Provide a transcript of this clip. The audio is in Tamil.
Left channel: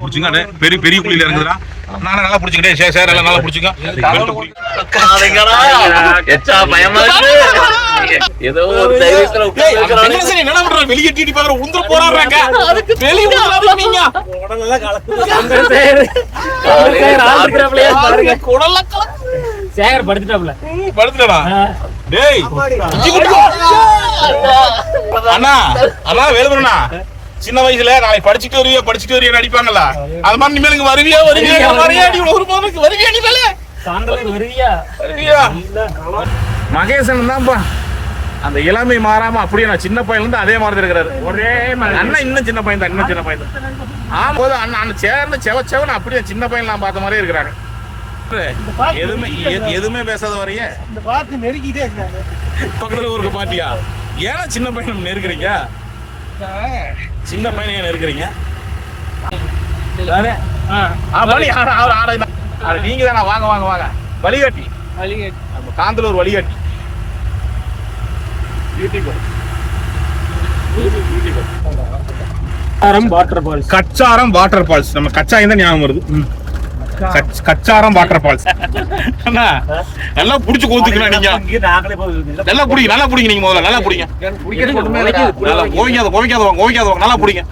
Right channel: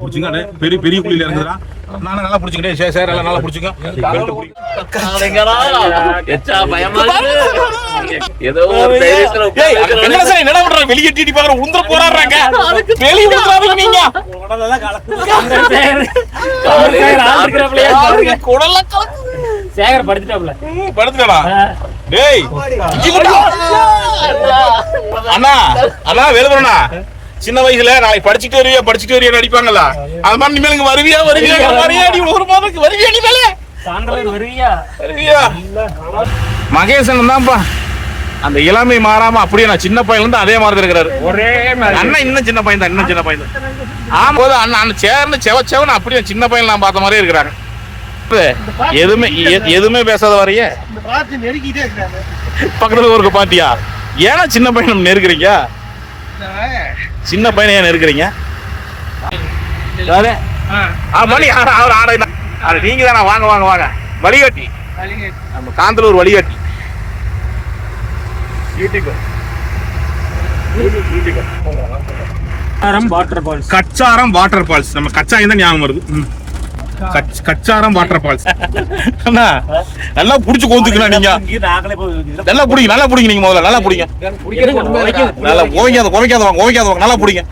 புடிச்சுங்க. பெரிய பெரிய குழியில இறங்குதுடா. நானே நல்லா புடிச்சுக்கிட்டே சரி எல்லாம் நல்லா புடிச்சுங்க. ஏதோ ஒரு தைரியத்துல பண்ற? வெளியே டீடி பாக்குற உந்திர போறாங்க வெளியே உந்திராதீங்க. சேகர் படுத்துட்டாப்ல படுத்துடா டேய் அண்ணா அண்ணா வேலுமண்ணா சின்ன வயசுல நாளைக்கு படிச்சுட்டு வருவியா படிச்சுட்டு வருவியா நடிப்பாங்கல்ல அது மாதிரி இனிமேலுக்கு வருவியா வருவியா வருவியா நீ ஒரு மாதத்துக்கு வருவியா நீ மேலே வருவியா? வருவியா? மகேசன் தான்ப்பா. அந்த இளமை மாறாம அப்படியே நான் சின்ன பையன் வந்து அதே மாதிரி தான் இருக்கிறாரு. ஒரே அண்ணன் இன்னும் சின்ன பையன் தான் இன்னும் சின்ன பையன் தான். ஆமா போது அண்ணன் அண்ணன் சேர்ந்து செவ செவன் அப்படியே சின்ன பையன் நான் பார்த்த மாதிரியே இருக்கிறாங்க. எதுவுமே எதுவுமே பேசாத வரையே. பக்கத்துல ஒரு பாட்டியா? ஏன்னா சின்ன பையன் நெருக்குறீங்க சின்ன பையனை ஏன் ஆ, நீங்க தானே. வாங்க வாங்க வாங்க. வழிகாட்டி. நம்ம காந்தலூர் வழிகாட்டி. Kacharam water falls. நம்ம கச்சாயம் தான் ஞாபகம் வருது? கச்சாரம் வாட்டர் ஃபால்ஸ். அண்ணா நல்லா புடிச்சு கோந்துக்கணும் நீங்க. நல்லா புடிங்க நல்லா புடிங்க நீங்க முதல்ல நல்லா புடிங்க. நல்லா குவைக்காத குவைக்காத குவைக்காத நல்லா புடிங்க.